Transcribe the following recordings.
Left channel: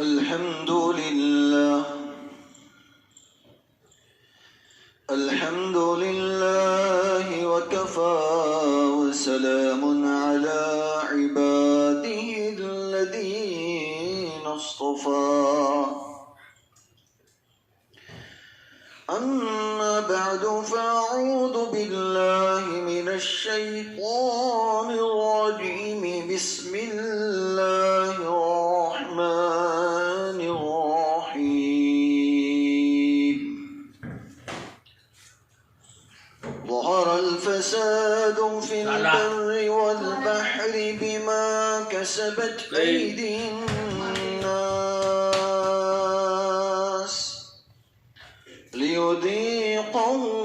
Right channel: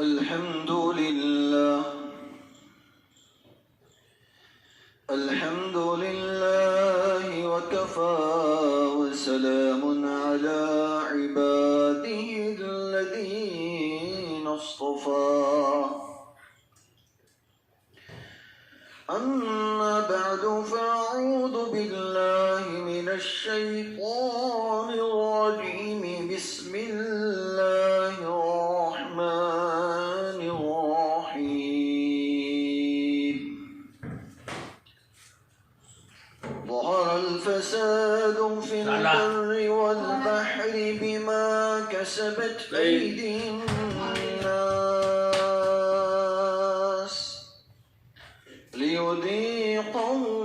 الحمد لله الحمد لله وكفى وسلام على عباده الذين اصطفى أما بعد فأعوذ بالله من الشيطان الرجيم بسم الله الرحمن الرحيم ظهر الفساد في البر والبحر بما كسبت أيدي الناس ليذيقهم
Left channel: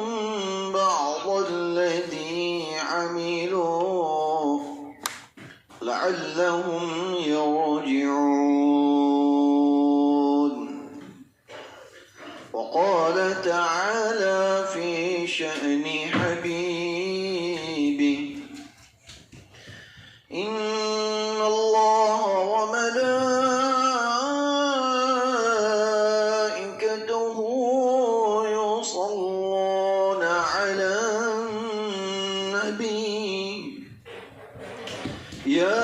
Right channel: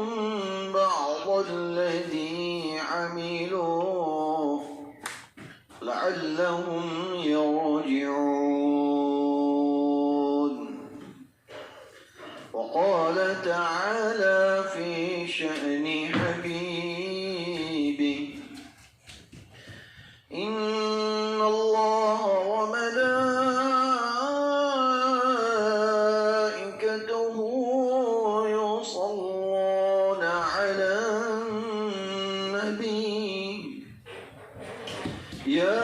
بعض الذي عملوا لعلهم يرجعون. وقال تعالى في شأن حبيبه إن الله وملائكته يصلون على النبي يا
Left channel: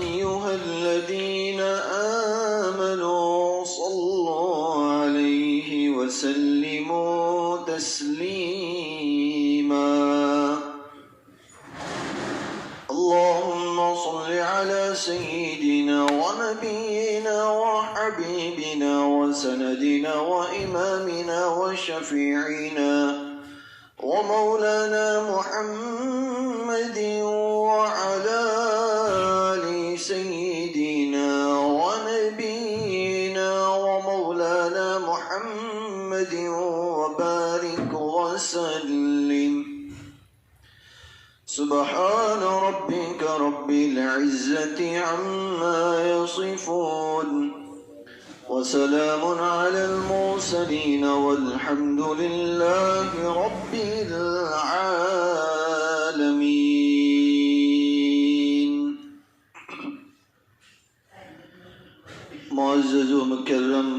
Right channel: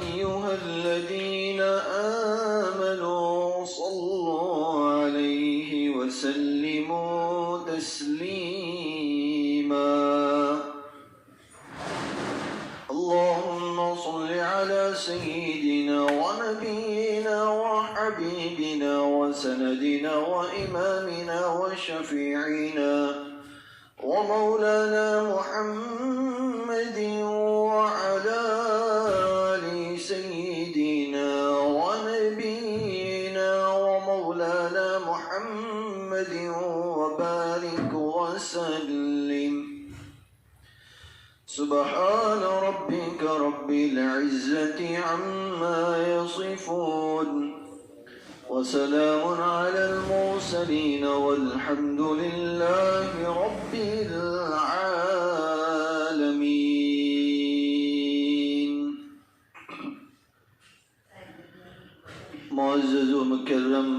أيها الذين آمنوا صلوا عليه وسلموا تسليما. اللهم صل على سيدنا ونبينا وحبيبنا وسندنا وإمامنا وشفيعنا ومولانا محمد وعلى آل سيدنا ونبينا ومولانا محمد وبارك وسلم. سبحان ربك رب العزة عما يصفون وسلام على المرسلين والحمد لله رب العالمين. معزز و مکرم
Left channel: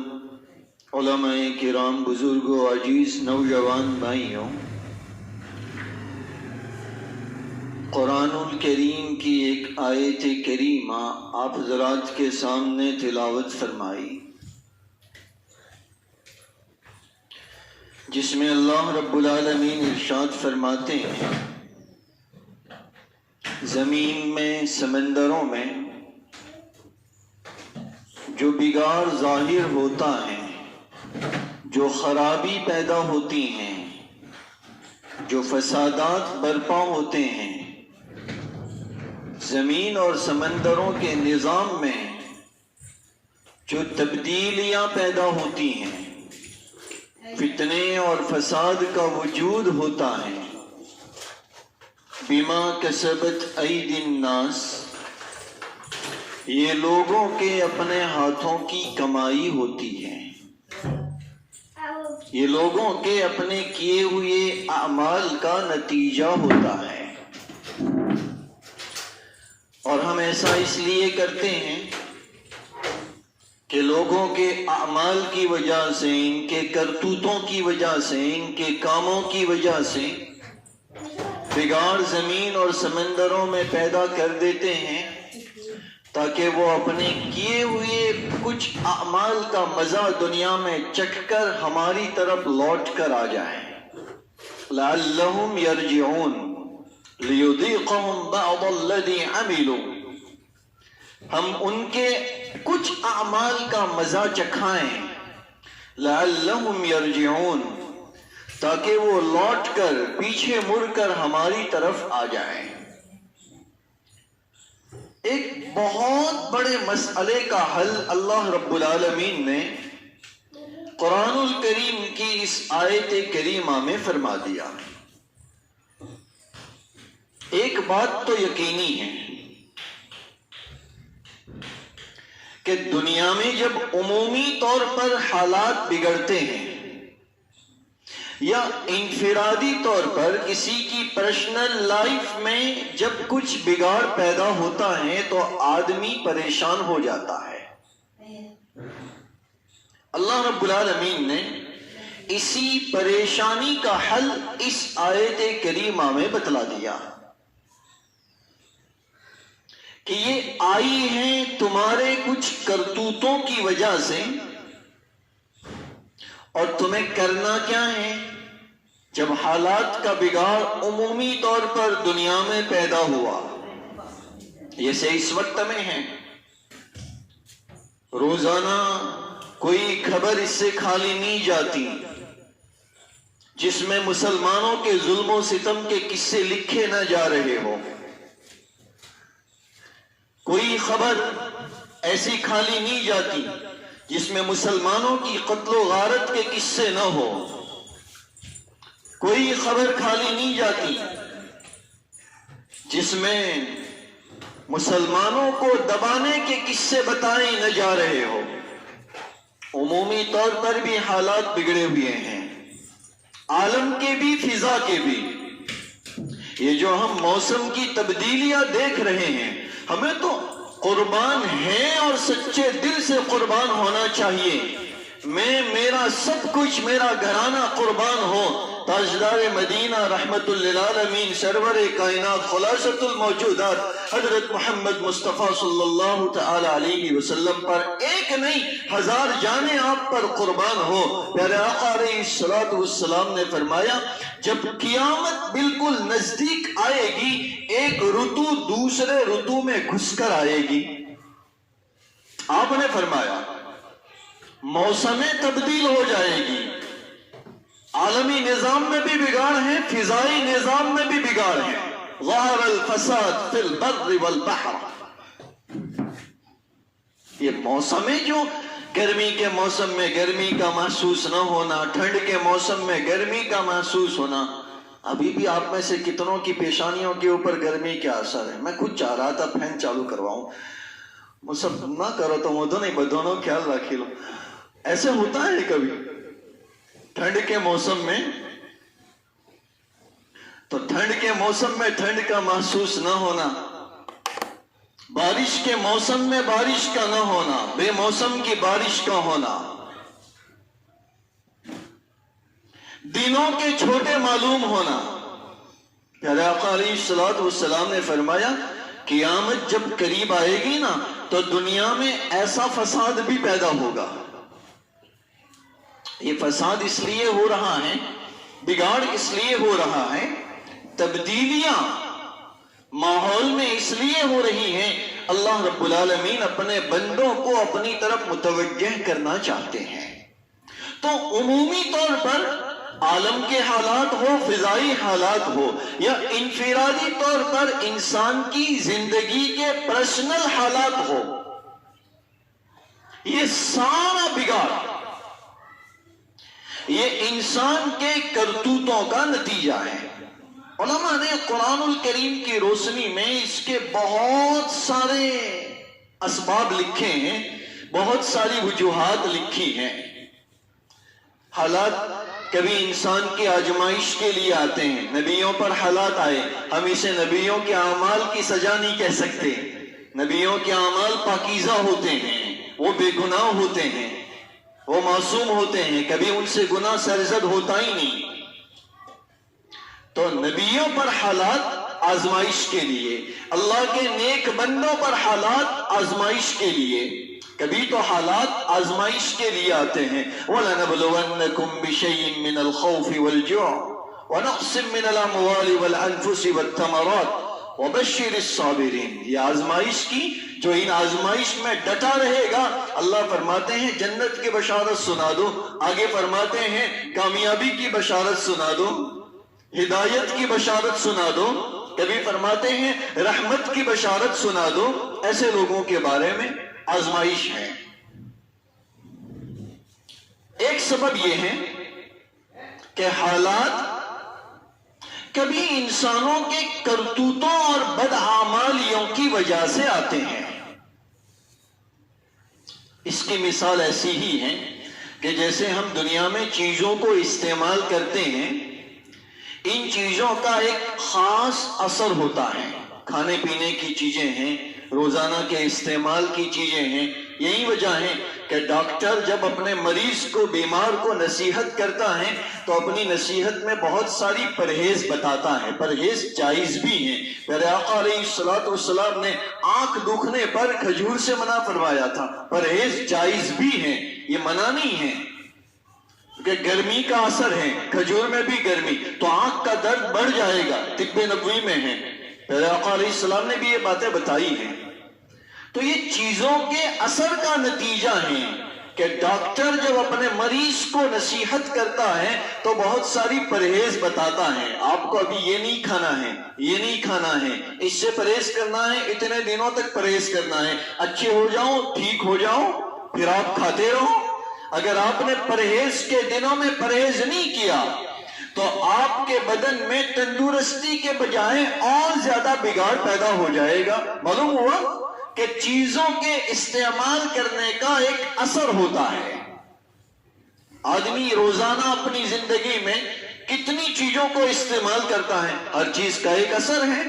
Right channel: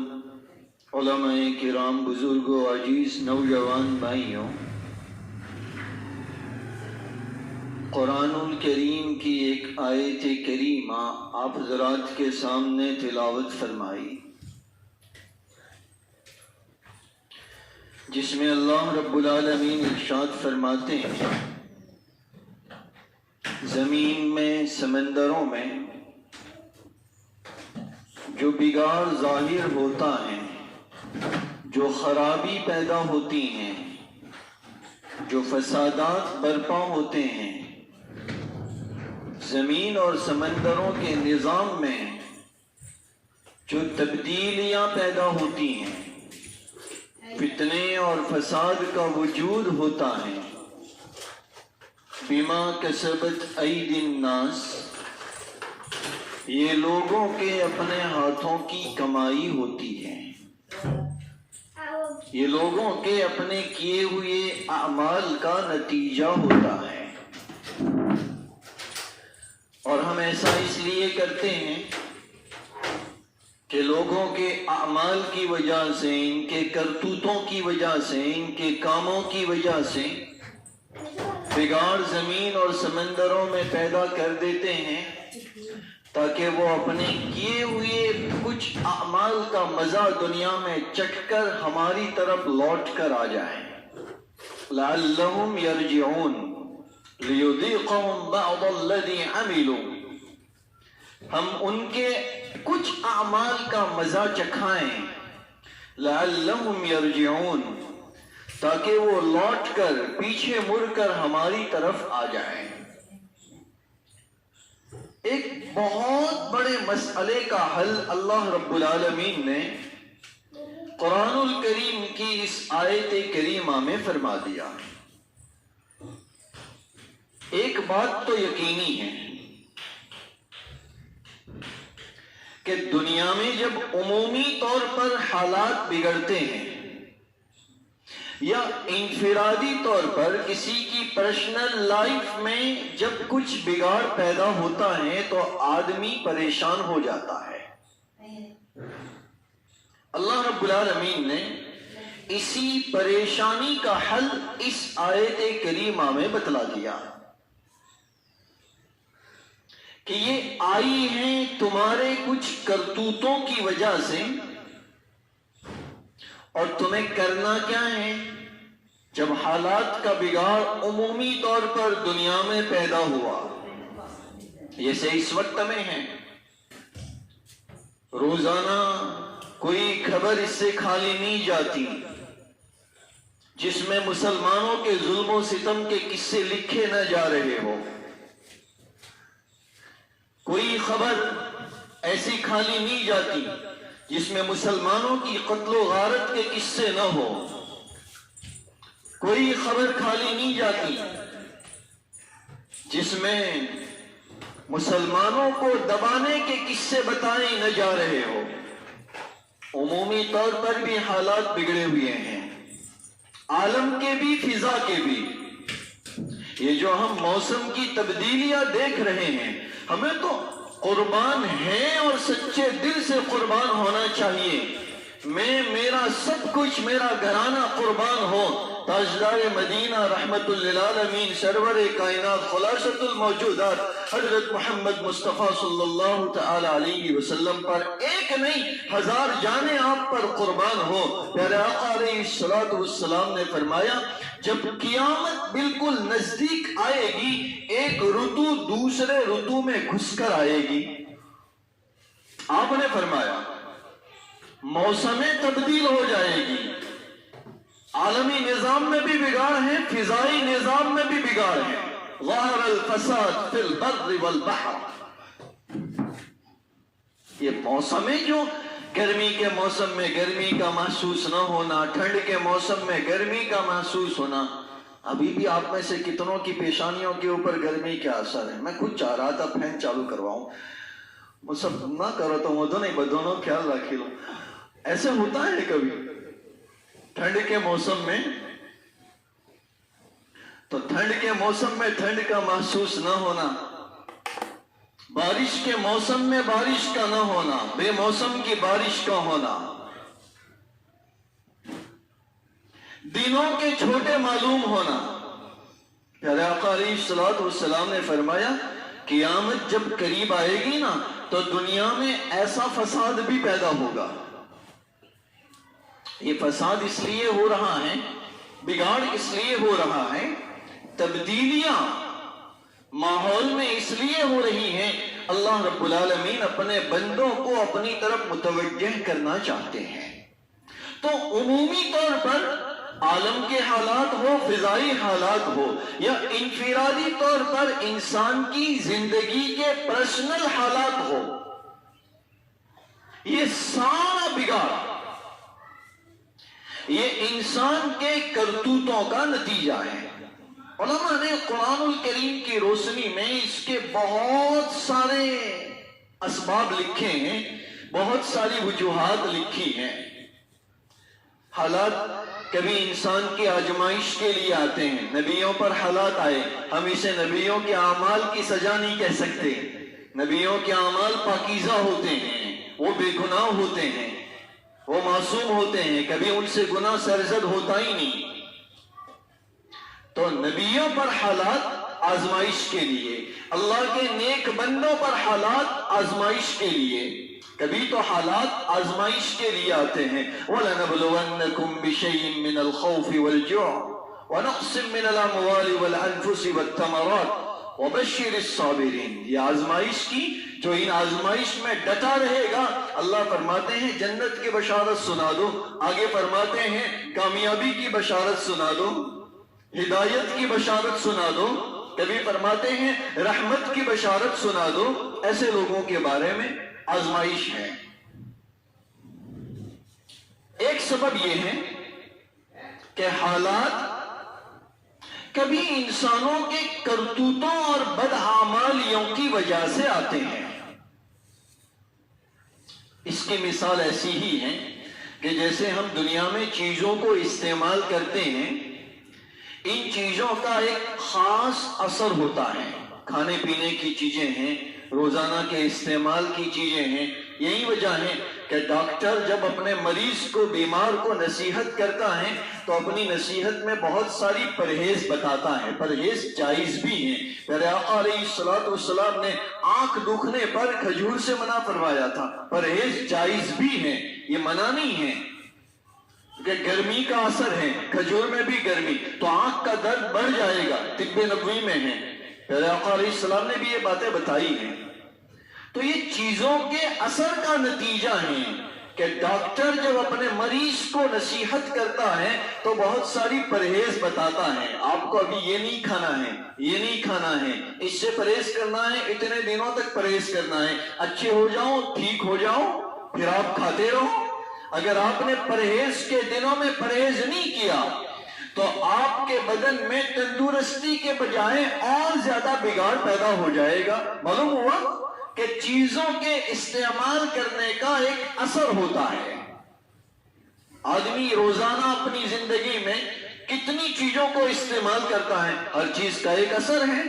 علماء کرام، بزرگوں، عزیز نوجوان بھائیوں، قرآن الکریم کی ایک آیت کریمہ آپ حضرات کے سامنے تلاوت فرمائی، جس میں اللہ رب العالمین ارشاد فرماتے ہیں زمین میں، سمندروں میں جو بگاڑ ظاہر ہوتا ہے، جو خرابی پیدا ہوتی ہیں، جو فسادات برپا ہوتے ہیں، زمین اور سمندروں کے نظام میں جو تبدیلیاں پیدا ہوتی ہیں، فتنے اور فساد کا وجود ہوتا ہے، بما کسبت ایدی الناس، یہ لوگوں کے اپنے ہاتھوں کی کمائی ہوتی ہے، یہ لوگوں کے اپنے کیے ہوئے اعمال کا نتیجہ ہوتا ہے۔ اور ہم ایسا اس لیے کرتے ہیں کہ لوگوں کے اعمال کی وجہ سے، ان کے کرتوتوں کی وجہ سے، ان کے کاموں کی وجہ سے بگاڑ زمین اور سمندروں میں پیدا کر دیتے ہیں، تاکہ وہ اپنے کیے ہوئے کچھ اعمال کا مزہ دنیا میں چکھ کر ہماری طرف لوٹ کر آ جائیں۔ لعلہم یرجعون لیذیقہم بعض الذی عملوا، ہم ان کے کچھ اعمال کا مزہ چکھائیں، لعلہم یرجعون، تاکہ وہ لوٹ کر، پیچھے مڑ کر ہماری طرف آ جائیں۔ ایک بہت بڑے مسئلے کا حل اللہ رب العالمین نے قرآن الکریم کی اس آیت کریمہ میں فرما دیا۔ ایک بات تو یقینی ہے کہ دنیا میں جب عمومی طور پر حالات بگڑتے ہیں یا انفرادی طور پر کسی کی پرسنل لائف میں جب کچھ بگاڑ پیدا ہوتا ہے تو آدمی پریشان ہو جاتا ہے، اللہ رب العالمین نے اسی پریشانی کا حل اس آیت کریمہ میں بتلا دیا کہ یہ آئی ہیں تمہارے کچھ کرتوتوں کی وجہ سے، اور تمہیں کرنا کیا ہے؟ جب حالات کا بگاڑ عمومی طور پر دنیا میں پیدا ہوا، جیسے اس وقت میں ہے، روزانہ کوئی خبر اس سے خالی نہیں جاتی جس میں مسلمانوں کے ظلم و ستم کے قصے لکھے نہ جا رہے ہو، کوئی خبر ایسی خالی نہیں جاتی جس میں مسلمانوں کی قتل و غارت کے قصے نہ ہو، کوئی خبر خالی نہیں جاتی جس میں مسلمانوں کو دبانے کے قصے بتائے نہ جا رہے ہو۔ عمومی طور پر بھی حالات بگڑے ہوئے ہیں، عالم کے بھی فضا کے بھی۔ یہ جو ہم موسم کی تبدیلیاں دیکھ رہے ہیں، ہمیں تو قربان ہیں اور سچے دل سے قربان ہونا چاہیے۔ میرا سب کچھ، میرا گھرانہ قربان ہو تاجدار مدینہ رحمت للعالمین سرور کائنات خلاصۃ الموجودات حضرت محمد مصطفیٰ صلی اللہ تعالی علیہ وسلم پر ایک نہیں 1000 جانیں آپ پر قربان ہو۔ پیارے آقا علیہ الصلوۃ والسلام نے فرمایا جب قیامت بالکل نزدیک آئے گی، ایک رتو دوسرے رتو میں گھس کر آئے گی۔ آپ نے فرمایا موسمیں تبدیل ہو جائے گی، عالمی نظام میں بھی بگاڑ ہے، فضائی نظام میں بھی بگاڑ ہے۔ ظہر الفساد فی البر والبحر۔ یہ موسمیں جو گرمی کے موسم میں گرمی کا محسوس نہ ہونا، ٹھنڈ کے موسم میں گرمی کا محسوس ہونا، ابھی بھی آپ میں سے کتنوں کی پیشانیوں کے اوپر گرمی کا اثر ہے۔ میں خود چاہ رہا تھا فین چالو کرواؤں، مصب نہ کرو تو وہ نہیں بدونوں خیال رکھی لو۔ ایسے ہوتا ہے کبھی ٹھنڈ کے موسم میں، تو ٹھنڈ کے موسم میں ٹھنڈ کا محسوس نہ ہونا، بارش کے موسم میں بارش کا نہ ہونا، بے موسم کی بارش کا ہونا، دنوں کے چھوٹے معلوم ہونا۔ پیارے آقا علیہ الصلوۃ والسلام نے فرمایا قیامت جب قریب آئے گی نا تو دنیا میں ایسا فساد بھی پیدا ہوگا۔ یہ فساد اس لیے ہو رہا ہے، بگاڑ اس لیے ہو رہا ہے، تبدیلیاں ماحول میں اس لیے ہو رہی ہیں، اللہ رب العالمین اپنے بندوں کو اپنی طرف متوجہ کرنا چاہتے ہیں۔ تو عمومی طور پر عالم کے حالات ہو، فضائی حالات ہو، یا انفرادی طور پر انسان کی زندگی کے پرسنل حالات ہو، یہ سارا بگاڑ یہ انسان کے کرتوتوں کا نتیجہ ہے۔ علماء نے قرآن الکریم کی روشنی میں اس کے بہت سارے اسباب لکھے ہیں، بہت ساری وجوہات لکھی ہیں۔ حالات کبھی انسان کی آزمائش کے لیے آتے ہیں، نبیوں پر حالات آئے، ہم اسے نبیوں کے اعمال کی سزا نہیں کہہ سکتے۔ نبیوں کے اعمال پاکیزہ ہوتے ہیں، وہ بے گناہ ہوتے ہیں، وہ معصوم ہوتے ہیں، کبھی ان سے گناہ سرزد ہوتا ہی نہیں۔ تو نبیوں پر حالات آزمائش کے لیے، اللہ کے نیک بندوں پر حالات آزمائش کے لیے، کبھی تو حالات آزمائش کے لیے آتے ہیں۔ وَلَنَبْلُوَنَّكُمْ بِشَيْءٍ مِّنَ الْخَوْفِ وَالْجُوعِ وَنَقْصٍ مِّنَ الْأَمْوَالِ وَالْأَنفُسِ وَالثَّمَرَاتِ وَبَشِّرِ الصَّابِرِينَ۔ یہ آزمائش کی جو ان آزمائش میں ڈٹا رہے گا، اللہ فرماتے ہیں جنت کی بشارت سنا دو، آگے فرماتے ہیں کامیابی کی بشارت سنا دو، ہدایت کی بشارت سنا دو، کبھی فرماتے ہیں رحمت کی بشارت سنا دو۔ ایسے لوگوں کے بارے میں آزمائش ہے۔ ایک سبب یہ ہے کہ حالات کبھی انسانوں کے کرتوتوں اور بدعمالیوں کی وجہ سے آتے ہیں۔ اس کی مثال ایسی ہی ہے کہ جیسے ہم دنیا میں چیزوں کو استعمال کرتے ہیں، ان چیزوں کا ایک خاص اثر ہوتا ہے۔ کھانے پینے کی چیزیں ہیں، روزانہ کے استعمال کی چیزیں ہیں. یہی وجہ ہے کہ ڈاکٹر جب اپنے مریض کو، بیمار کو نصیحت کرتا ہے تو اپنی نصیحت میں بہت ساری پرہیز بتاتا ہے. پرہیز جائز بھی ہیں. میرے آقا علیہ السلام نے آنکھ دکھنے پر کھجور سے منع فرمایا تھا. پرہیز جائز بھی ہیں، یہ منع نہیں ہے. کہ گرمی کا اثر ہے، کھجور میں بھی گرمی، تو آنکھ کا درد بڑھ جائے گا، طب نبوی میں ہے. میرے آقا علیہ السلام نے بھی یہ باتیں بتائی ہیں. تو یہ چیزوں کے اثر کا نتیجہ ہے کہ ڈاکٹر جب اپنے مریض کو نصیحت کرتا ہے تو بہت ساری پرہیز بتاتا ہے. آپ کو ابھی یہ نہیں کھانا ہے، یہ نہیں کھانا ہے، اس سے پرہیز کرنا ہے، اتنے دنوں تک پرہیز کرنا ہے، اچھے ہو جاؤ، ٹھیک ہو جاؤ، پھر آپ کھاتے رہو. اگر آپ نے پرہیز کے دنوں میں پرہیز نہیں کیا تو آپ کے بدن میں تندرستی کے بجائے اور زیادہ بگاڑ پیدا ہو جائے گا. معلوم ہوا کہ چیزوں کے استعمال کرنے کا ایک اثر ہوتا ہے. آدمی روزانہ اپنی زندگی میں کتنی چیزوں کو استعمال کرتا ہے، ہر چیز کا ایک اثر ہے.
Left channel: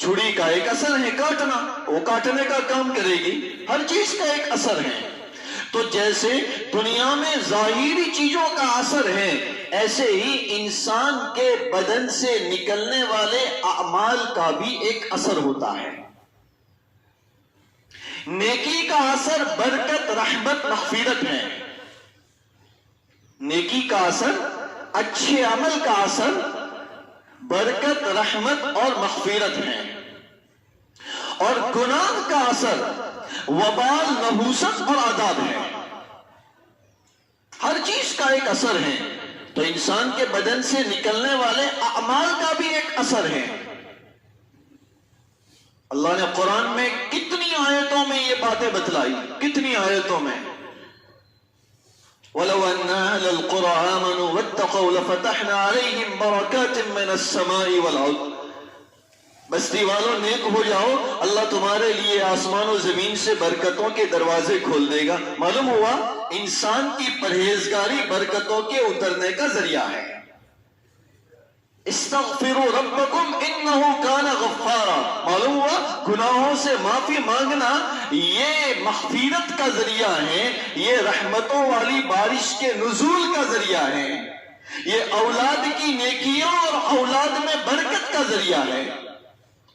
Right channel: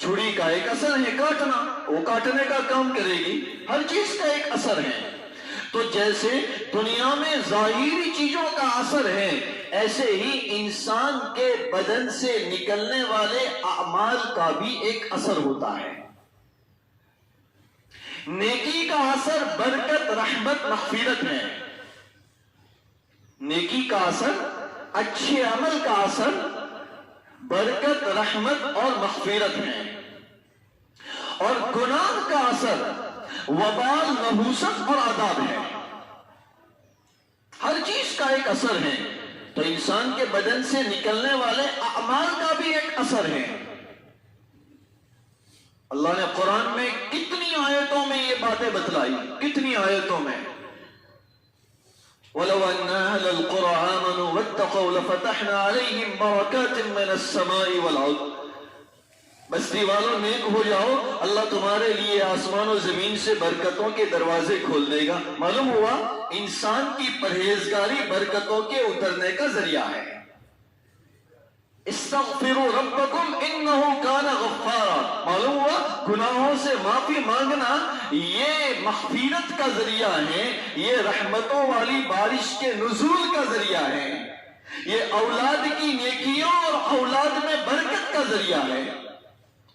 چھری کا ایک اثر ہے کاٹنا، وہ کاٹنے کا کام کرے گی. ہر چیز کا ایک اثر ہے. تو جیسے دنیا میں ظاہری چیزوں کا اثر ہے، ایسے ہی انسان کے بدن سے نکلنے والے اعمال کا بھی ایک اثر ہوتا ہے. نیکی کا اثر برکت، رحمت، مغفرت ہے. نیکی کا اثر، اچھے عمل کا اثر برکت، رحمت اور مغفرت ہے. اور گناہ کا اثر وبال، نحوست اور عذاب ہے. ہر چیز کا ایک اثر ہے. تو انسان کے بدن سے نکلنے والے اعمال کا بھی ایک اثر ہے. اللہ نے قرآن میں کتنی آیتوں میں یہ باتیں بتلائی، کتنی آیتوں میں. وَلَوْ أَنَّ أَهْلَ الْقُرَىٰ آمَنُوا وَاتَّقَوْا لَفَتَحْنَا عَلَيْهِمْ بَرَكَاتٍ مِّنَ السَّمَاءِ وَالْأَرْضِ. بستی والوں نیک ہو جاؤ، اللہ تمہارے لیے آسمان و زمین سے برکتوں کے دروازے کھول دے گا. معلوم ہوا انسان کی پرہیزگاری برکتوں کے اترنے کا ذریعہ ہے. استغفروا ربکم انہ کان غفارا. معلوم ہوا گناہوں سے معافی مانگنا یہ مغفرت کا ذریعہ ہے، یہ رحمتوں والی بارش کے نزول کا ذریعہ ہے، یہ اولاد کی نیکیوں اور اولاد میں برکت کا ذریعہ ہے.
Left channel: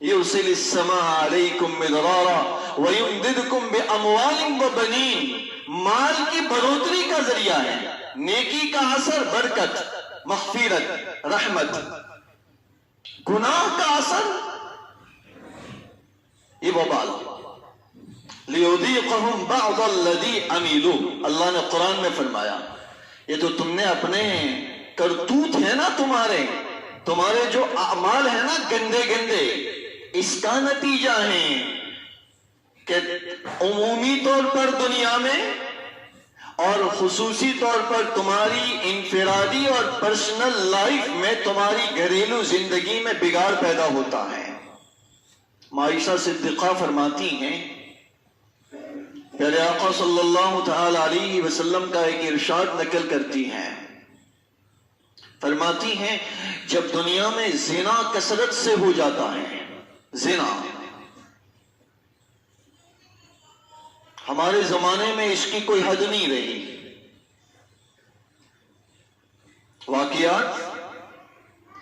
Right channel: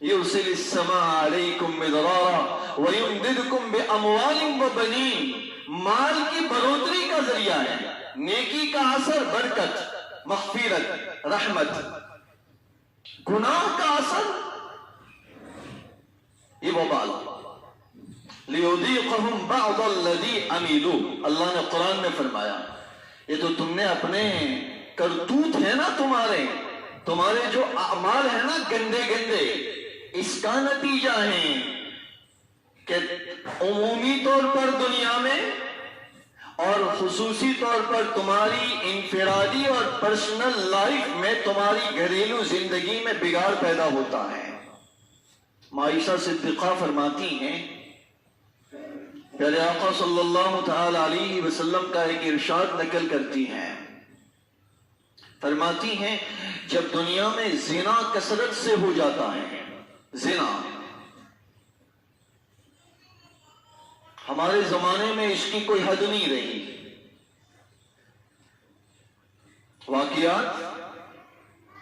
یرسل السماء علیکم مدرارا ویمددکم باموال وبنین. مال کی بڑھوتری کا ذریعہ ہے. نیکی کا اثر برکت، مغفرت، رحمت. گناہ کا اثر یہ وبال. لیذیقہم بعض الذی عملوا. اللہ نے قرآن میں فرمایا یہ تو تم نے اپنے کرتوت ہے نا، تمہارے جو اعمال ہیں نا گندے گندے، اس کا نتیجہ ہے کہ عمومی طور پر دنیا میں اور خصوصی طور پر تمہاری انفرادی اور پرسنل لائف میں، تمہاری گھریلو زندگی میں بگاڑ پیدا ہوتا ہے. عائشہ صدیقہ فرماتی ہیں، پیارے آقا صلی اللہ تعالی علیہ وسلم کا ایک ارشاد نقل کرتی ہیں. فرماتی ہیں جب دنیا میں زنا کثرت سے ہو جاتا ہے، زنا ہمارے زمانے میں اس کی کوئی حد نہیں رہی. واقعات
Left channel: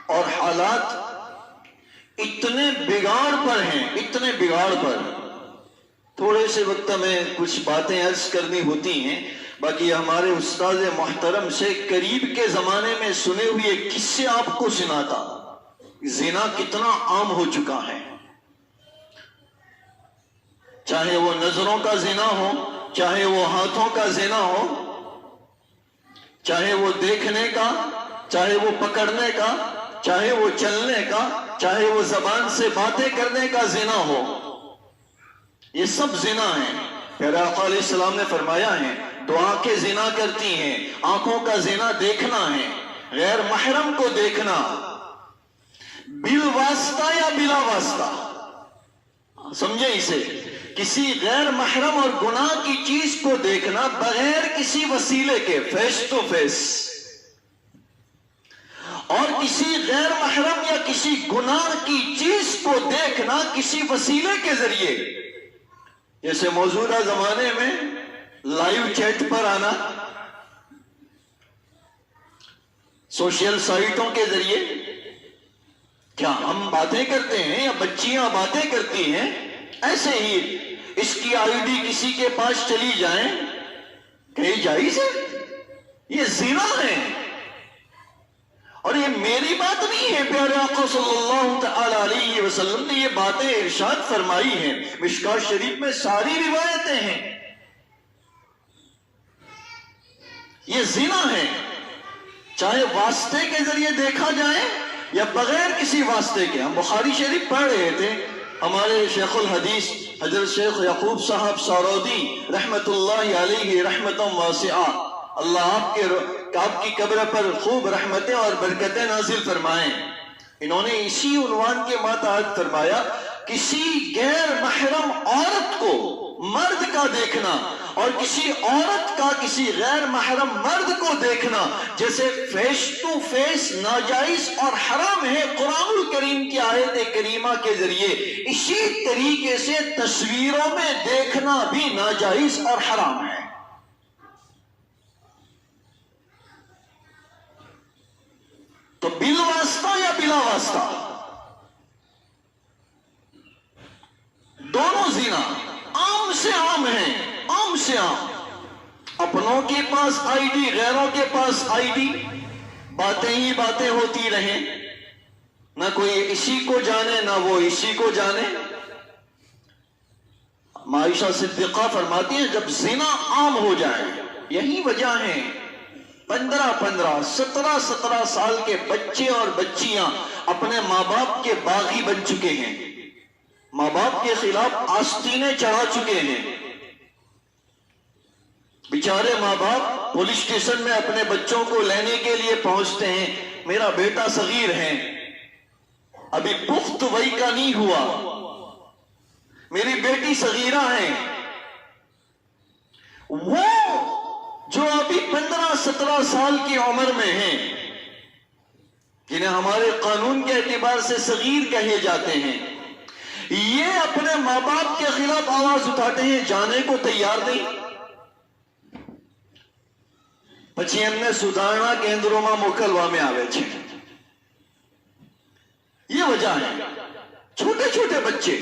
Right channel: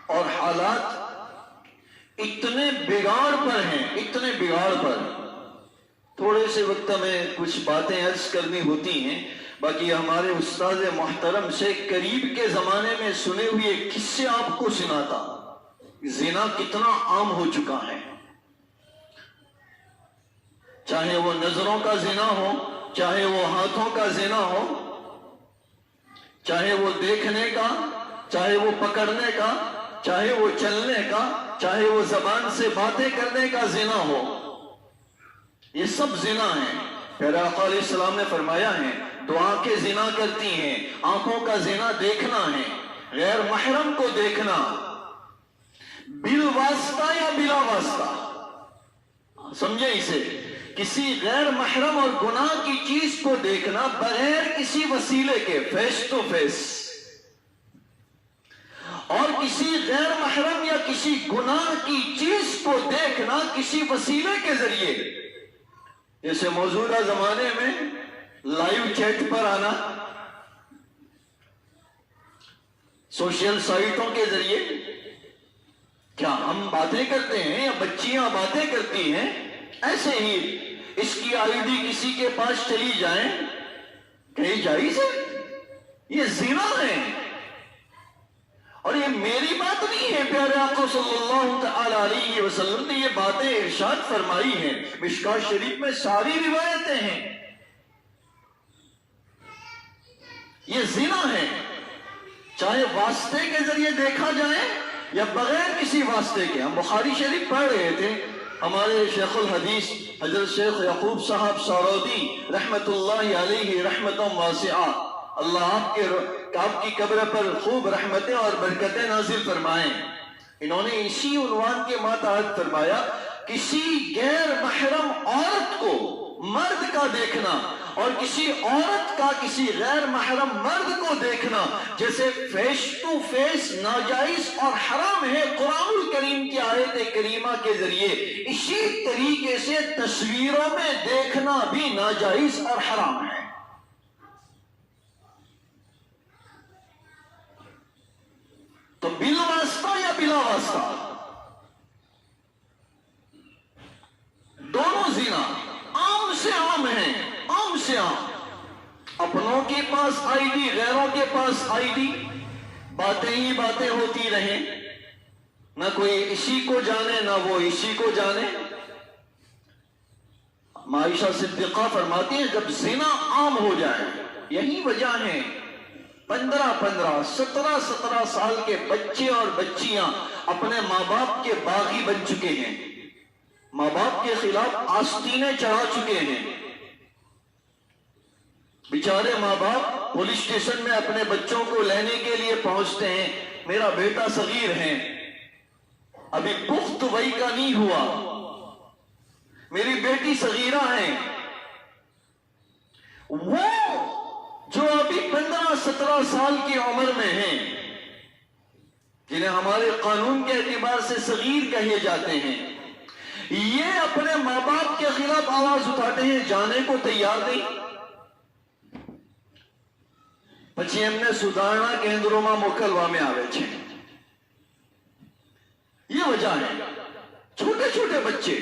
اور حالات اتنے بگاڑ پر ہیں، اتنے بگاڑ پر. تھوڑے سے وقت میں کچھ باتیں عرض کرنی ہوتی ہیں، باقی ہمارے استاد محترم سے قریب کے زمانے میں سنے ہوئے قصے آپ کو سناتا. زنا کتنا عام ہو چکا ہے، چاہے وہ نظروں کا زنا ہو، چاہے وہ ہاتھوں کا زنا ہو، چاہے وہ دیکھنے کا، چاہے وہ پکڑنے کا، چاہے وہ چلنے کا، چاہے وہ زبان سے باتیں کرنے کا زنا ہو. یہ سب زنا ہیں. پیارے آقا علیہ السلام نے فرمایا ہے دو آنکھیں زنا کرتی ہیں. آنکھوں کا زنا دیکھنا ہے، غیر محرم کو دیکھنا، بالواسطہ یا بلا واسطہ. سمجھے اسے؟ کسی غیر محرم اور گناہ کی چیز کو دیکھنا بغیر کسی وسیلے کے، فیس ٹو فیس. اور کسی غیر محرم یا کسی گناہ کی چیز کو دیکھنا کسی وسیلے کے ذریعے، جیسے موجودہ زمانے میں لائیو چیٹ پر آنا، سوشل سائٹوں کے ذریعے، کیا ہم باتیں کرتے ہیں یا بچیاں باتیں کرتی ہیں، ایسے ہی اس کی آئی ڈی کسی کے پاس چلی جائیں، کہیں جائز ہے؟ یہ زنا ہے۔ اور یہ میری بات نہیں ہے، پیارے آقا صلی اللہ تعالی علیہ وسلم نے یہ باتیں ارشاد فرمائی ہیں، مشکوہ شریف میں ساری روایتیں ہیں۔ یہ زنا ہے، چاہے واسطے کے ذریعے دیکھا جائے یا بغیر کسی واسطے کے۔ ہم بخاری شریف پڑھ رہے تھے، ہمارے شیخ الحدیث حضرت شیخ یعقوب صاحب سارودی رحمت اللہ علیہ رحمت واسعہ، اللہ آپ کی قبر پر خوب رحمتیں اور برکتیں نازل فرمائیں۔ انہوں نے اسی عنوان کے ماتحت فرمایا، کسی غیر محرم عورت کو مرد کا دیکھنا اور کسی عورت کا کسی غیر محرم مرد کو دیکھنا جیسے فیس ٹو فیس ناجائز اور حرام ہے قرآن الکریم کی آیت کریمہ کے ذریعے، اسی طریقے سے تصویروں میں دیکھنا بھی ناجائز اور حرام ہے۔ تو بالواسطہ یا بلا واسطہ دونوں زنا عام سے عام ہیں، عام سے عام۔ اپنوں کے پاس آئی ڈی، غیروں کے پاس آئی ڈی، باتیں ہی باتیں ہوتی رہیں، نہ کوئی اسی کو جانے نہ وہ اسی کو جانے۔ عائشہ صدیقہ فرماتی ہیں جب زنا عام ہو جائے، یہی وجہ ہے 15 17 سال کے بچے اور بچیاں اپنے ماں باپ کے باغی بن چکے ہیں، ماں باپ کے خلاف آستینیں چڑھا چکے ہیں۔ بیچارے ماں باپ پولیس اسٹیشن میں اپنے بچوں کو لینے کے لیے پہنچتے ہیں، میرا بیٹا صغیر ہے، ابھی پخت وئی کا نہیں ہوا، میری بیٹی صغیرہ ہے، وہ جو ابھی 15-17 سال کی عمر میں ہیں، جنہیں ہمارے قانون کے اعتبار سے صغیر کہے جاتے ہیں، یہ اپنے ماں باپ کے خلاف آواز اٹھاتے ہیں، جانے کو تیار نہیں۔ પછી એમને સુધારણા કેન્દ્રોમાં મોકલવામાં આવે છે۔ یہ وجہ ہے، چھوٹے چھوٹے بچے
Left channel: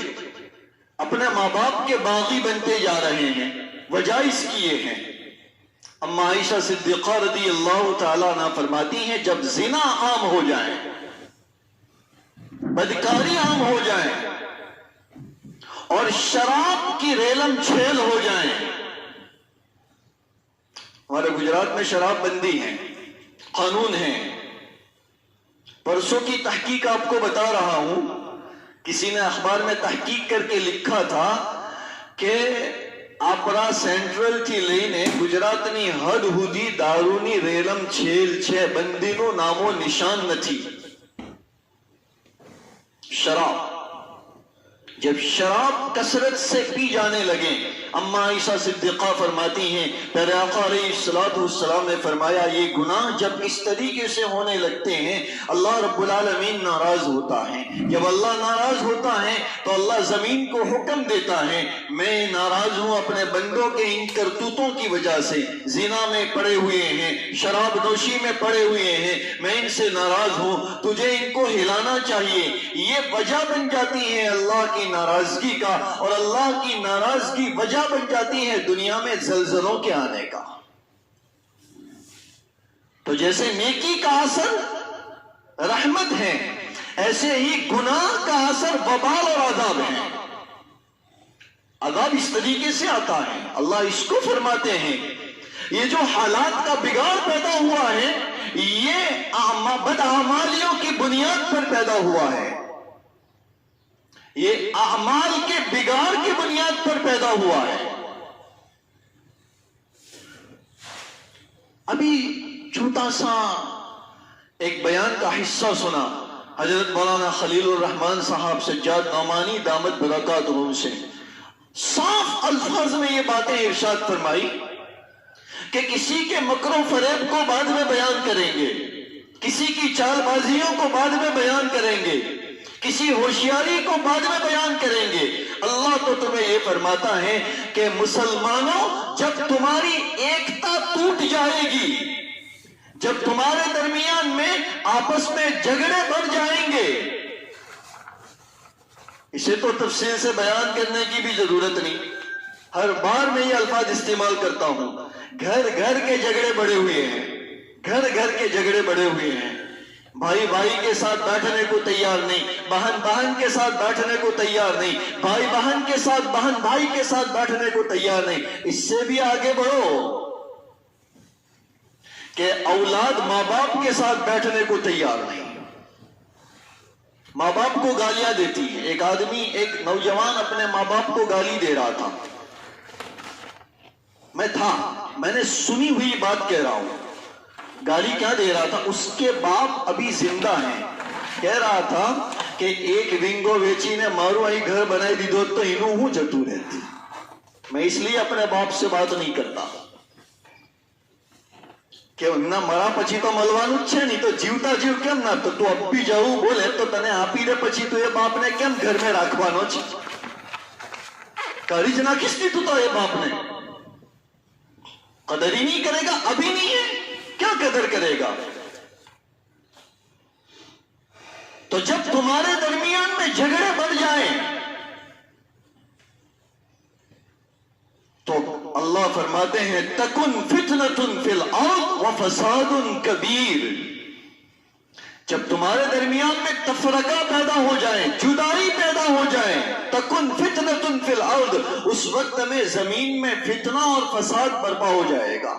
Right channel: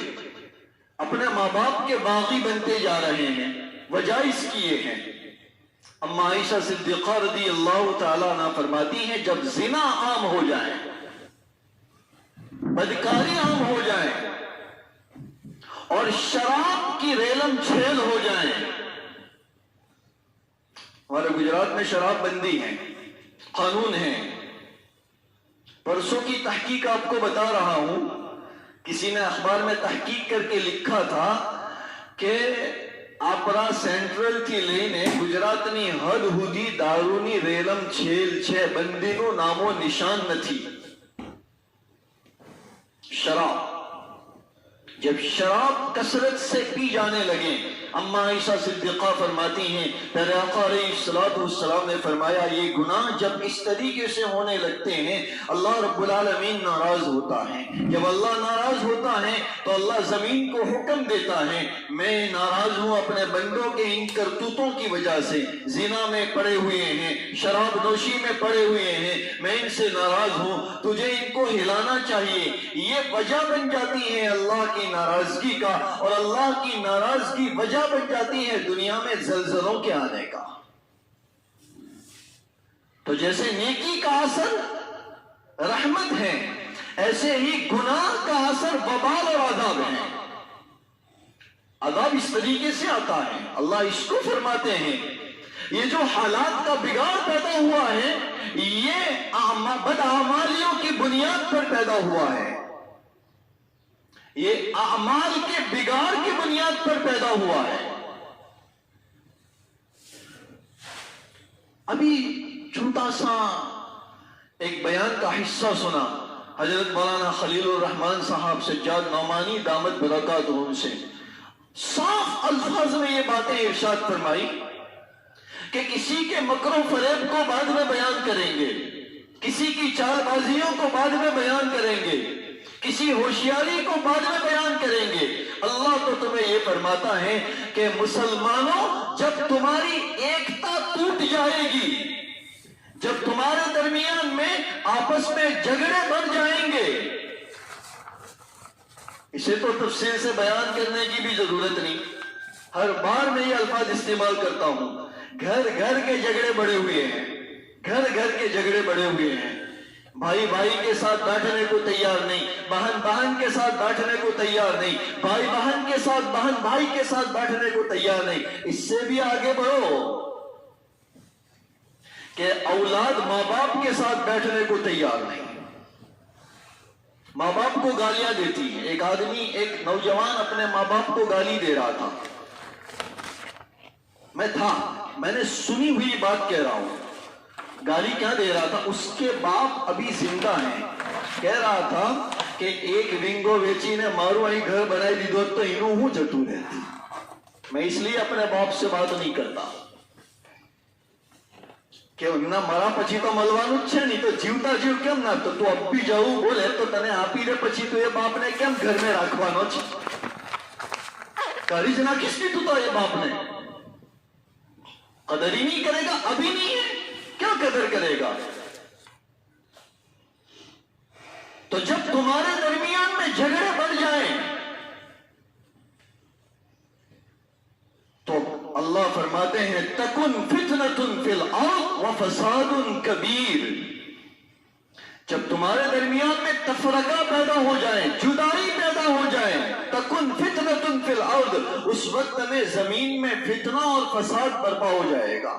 اپنے ماں باپ کے باغی بنتے جا رہے ہیں، وجہ اس کی یہ ہے۔ اما عائشہ صدیقہ رضی اللہ تعالیٰ عنہ فرماتی ہیں جب زنا عام ہو جائے، بدکاری عام ہو جائے اور شراب کی ریلم چھیل ہو جائے، ہمارے گجرات میں شراب بندی ہے، قانون ہے۔ پرسوں کی تحقیق آپ کو بتا رہا ہوں، کسی نے اخبار میں تحقیق کر کے لکھا تھا کہ આપણા સેન્ટ્રલ થી લઈને ગુજરાતની હદ સુધી દારૂની રેલમ છેલ છે, બંદીનું નામો નિશાન નથી। شراب، جب شراب کثرت سے پی جانے لگے، اما عائشہ صدیقہ فرماتی ہیں پیارے آقا علیہ السلام نے فرمایا یہ گناہ جب اس طریقے سے ہونے لگتے ہیں اللہ رب العالمین ناراض ہوتا ہے۔ جب اللہ ناراض ہوتا ہے تو اللہ زمین کو حکم دیتا ہے میں ناراض ہوں اپنے بندوں کے ان کرتوتوں کی وجہ سے، زنا میں پڑے ہوئے ہیں، شراب نوشی میں پڑے ہوئے ہیں، میں ان سے ناراض ہوں، تجھے ان کو ہلانا چاہیے۔ یہ وجہ بن جاتی ہے اللہ کی ناراضگی کا، اور اللہ کی ناراضگی وجہ بن جاتی ہے دنیا میں زلزلوں کے آنے کا۔ تو جیسے نیکی کا اثر رحمت ہے، ایسے ہی گناہ کا اثر وبال اور عذاب ہے۔ عذاب اس طریقے سے آتا ہے، اللہ اس کو فرماتے ہیں یہ جو حالات کا بگاڑ پیدا ہوا ہے یہ بدعمالیوں کی بنیاد پر پیدا ہوا ہے، یہ اعمال کے بگاڑ کی بنیاد پر پیدا ہوا ہے۔ ابھی چھوٹا سا ایک بیان کا حصہ سنا حضرت مولانا خلیل الرحمن صاحب سجاد نعمانی دامت برکاتہم سے، صاف الفاظ میں یہ باتیں ارشاد فرمائی کہ کسی کے مکر و فریب کو بعد میں بیان کریں گے، کسی کی چال بازیوں کو بعد میں بیان کریں گے، کسی ہوشیاری کو بعد میں بیان کریں گے۔ اللہ تو تمہیں یہ فرماتا ہے کہ مسلمانوں، جب تمہاری ایکتا ٹوٹ جائے گی، جب تمہارے درمیان میں آپس میں جھگڑے بڑھ جائیں گے، اسے تو تفصیل سے بیان کرنے کی بھی ضرورت نہیں، ہر بار میں یہ الفاظ استعمال کرتا ہوں، گھر گھر کے جھگڑے بڑے ہوئے ہیں، گھر گھر کے جھگڑے بڑے ہوئے ہیں، بھائی بھائی کے ساتھ بیٹھنے کو تیار نہیں، بہن بہن کے ساتھ بیٹھنے کو تیار نہیں، بھائی بہن کے ساتھ، بہن بھائی کے ساتھ بیٹھنے کو تیار نہیں۔ اس سے بھی آگے بڑھو کہ اولاد ماں باپ کے ساتھ بیٹھنے کو تیار نہیں، ماں باپ کو گالیاں دیتی ہے۔ ایک آدمی، ایک نوجوان اپنے ماں باپ کو گالی دے رہا تھا، میں نے سنی ہوئی بات کہہ رہا ہوں، گالی کیا دے رہا تھا؟ اس کے باپ ابھی زندہ ہیں، کہہ رہا تھا کہ ایک ونگو ویچی نے مارو آئی گھر بنائی دی دو تو انہوں ہوں جتو رہتی، میں اس لیے اپنے باپ سے بات نہیں کرتا کہ نہ مرا پچی تو ملوان اچھے نہیں تو جیوتا جیو کیم نہ تو اب بھی جاؤ بولے تو تنے آپ ہی دے پچی تو یہ باپ نے کیم گھر میں راکھوانو چھ کاری جنا کس نے تو یہ باپ نے قدر ہی نہیں کرے گا، ابھی نہیں ہے کیا قدر کرے گا؟ تو جب تمہارے درمیان میں جھگڑے بڑھ جائیں تو اللہ فرماتے ہیں تکن فتنۃ فی الارض وفساد کبیر، جب تمہارے درمیان میں تفرقہ پیدا ہو جائے، جدائی پیدا ہو جائے، تکن فتنۃ فی الارض، اس وقت میں زمین میں فتنہ اور فساد برپا ہو جائے گا۔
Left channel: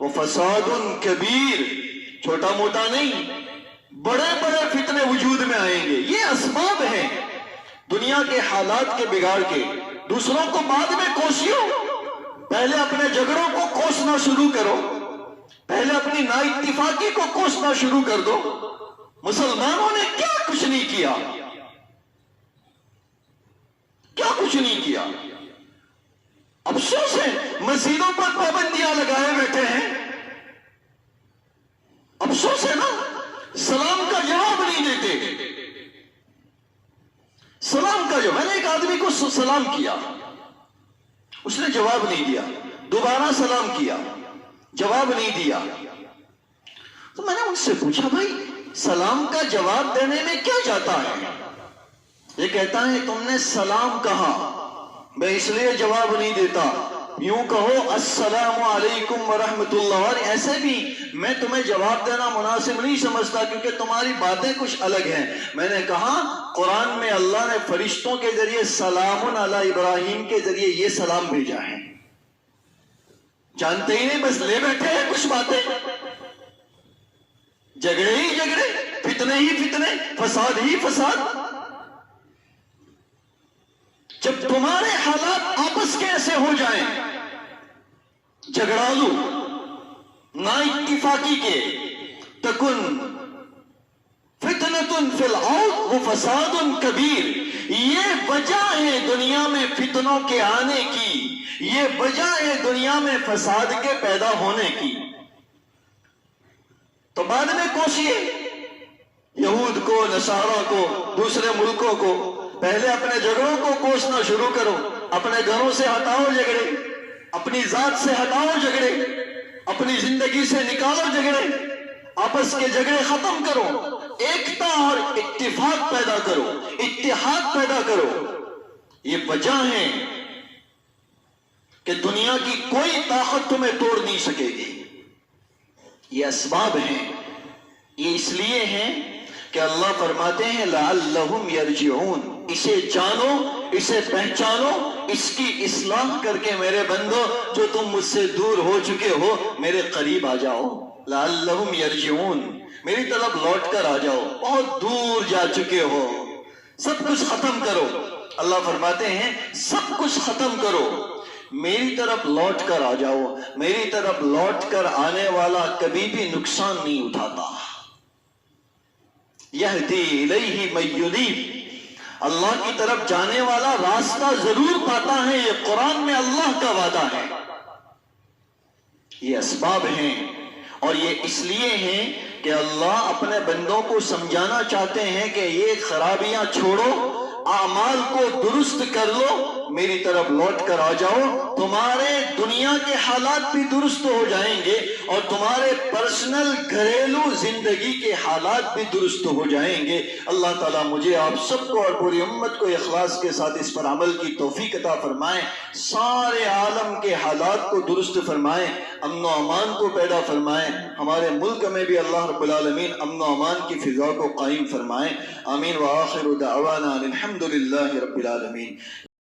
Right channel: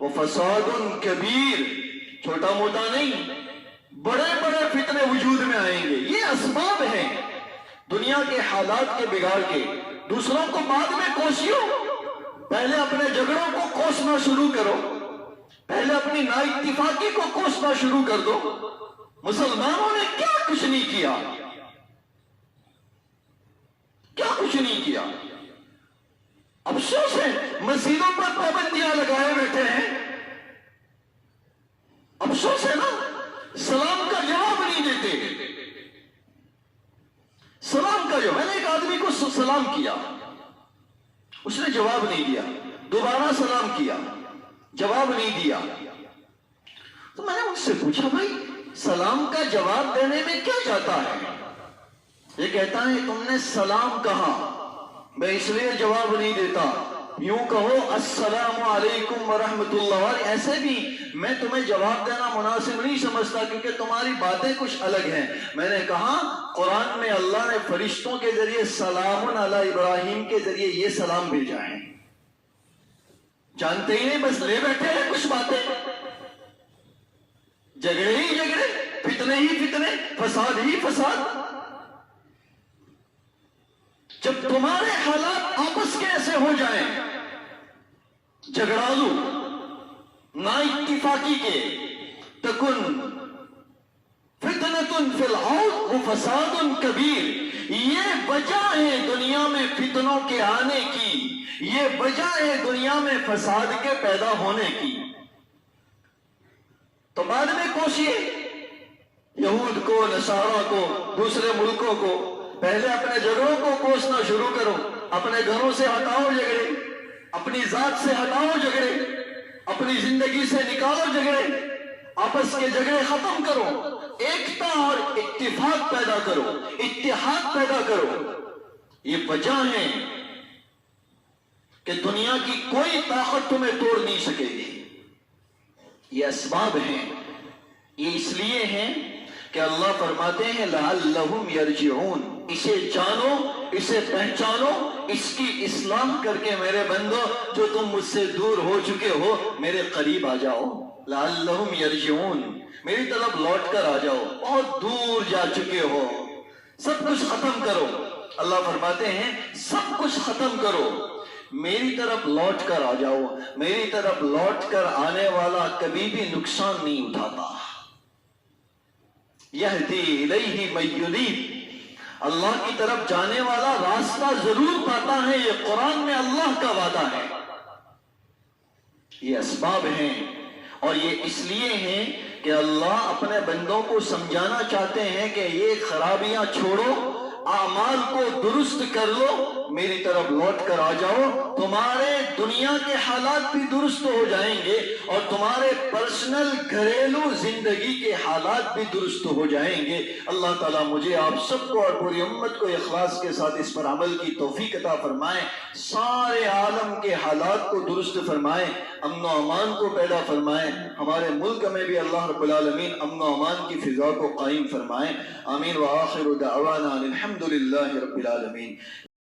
وفساد کبیر، چھوٹا موٹا نہیں، بڑے بڑے فتنے وجود میں آئیں گے۔ یہ اسباب ہیں دنیا کے حالات کے بگاڑ کے۔ دوسروں کو بعد میں کوسیو، پہلے اپنے جھگڑوں کو کوسنا شروع کرو، پہلے اپنی نا اتفاقی کو کوسنا شروع کر دو۔ مسلمانوں نے کیا کچھ نہیں کیا، کیا کچھ نہیں کیا، افسوس ہے مسجدوں پر پابندیاں لگائے بیٹھے ہیں، افسوس ہے نا، سلام کا جواب نہیں دیتے۔ سلام کا جواب، میں نے ایک آدمی کو سلام کیا، اس نے جواب نہیں دیا، دوبارہ سلام کیا، جواب نہیں دیا، تو میں نے ان سے پوچھا بھائی سلام کا جواب دینے میں کیا جاتا ہے؟ یہ کہتا ہے تم نے سلام کہا، میں اس لیے جواب نہیں دیتا، یوں کہو السلام علیکم ورحمۃ اللہ، اور ایسے بھی میں تمہیں جواب دینا مناسب نہیں سمجھتا کیونکہ تمہاری باتیں کچھ الگ ہیں۔ میں نے کہا قرآن میں اللہ نے فرشتوں کے ذریعے سلام علی ابراہیم کے ذریعے یہ سلام بھیجا ہے، جانتے ہی نہیں، بس لے بیٹھے ہیں کچھ باتیں، جھگڑے ہی جھگڑے، فتنے ہی فتنے، فساد ہی فساد۔ جب تمہارے حالات آپس کے ایسے ہو جائیں، جھگڑالو، نا اتفاقی کے، تکن فتنۃ فی الارض وفساد کبیر، یہ وجہ ہے دنیا میں فتنوں کے آنے کی، یہ وجہ ہے دنیا میں فساد کے پیدا ہونے کی۔ تو بعد میں کوشیے یہود کو، نصارہ کو، دوسرے ملکوں کو، پہلے اپنے جھگڑوں کو کوسنا شروع کرو، اپنے گھروں سے ہٹاؤ جھگڑے، اپنی ذات سے ہٹاؤ جھگڑے، اپنی زندگی سے نکالو جھگڑے، آپس کے جھگڑے ختم کرو، ایکتا اور اتفاق پیدا کرو، اتحاد پیدا کرو۔ یہ وجہ ہے کہ دنیا کی کوئی طاقت تمہیں توڑ نہیں سکے گی، یہ اسباب ہیں۔ یہ اس لیے ہیں کہ اللہ فرماتے ہیں لعلہم یرجعون، اسے جانو، اسے پہچانو، اس کی اصلاح کر کے میرے بندو جو تم مجھ سے دور ہو چکے ہو میرے قریب آ جاؤ، لعلہم یرجعون، میری طرف لوٹ کر آ جاؤ، بہت دور جا چکے ہو، سب کچھ ختم کرو۔ اللہ فرماتے ہیں سب کچھ ختم کرو، میری طرف لوٹ کر آ جاؤ۔ میری طرف لوٹ کر آنے والا کبھی بھی نقصان نہیں اٹھاتا۔ یہدی الیہ من ینیب، اللہ کی طرف جانے والا راستہ ضرور پاتا ہے، یہ قرآن میں اللہ کا وعدہ ہے۔ یہ اسباب ہیں اور یہ اس لیے ہیں کہ اللہ اپنے بندوں کو سمجھانا چاہتے ہیں کہ یہ خرابیاں چھوڑو، اعمال کو درست کر لو، میری طرف لوٹ کر آ جاؤ، تمہارے دنیا کے حالات بھی درست ہو جائیں گے اور تمہارے پرسنل گھریلو زندگی کے حالات بھی درست ہو جائیں گے۔ اللہ تعالیٰ مجھے آپ سب کو اور پوری امت کو اخلاص کے ساتھ اس پر عمل کی توفیق عطا فرمائیں، سارے عالم کے حالات کو درست فرمائیں، امن و امان کو پیدا فرمائیں، ہمارے ملک میں بھی اللہ رب العالمین امن و امان کی فضا کو قائم فرمائیں۔ آمین وآخر دعوانا الحمدللہ رب العالمین۔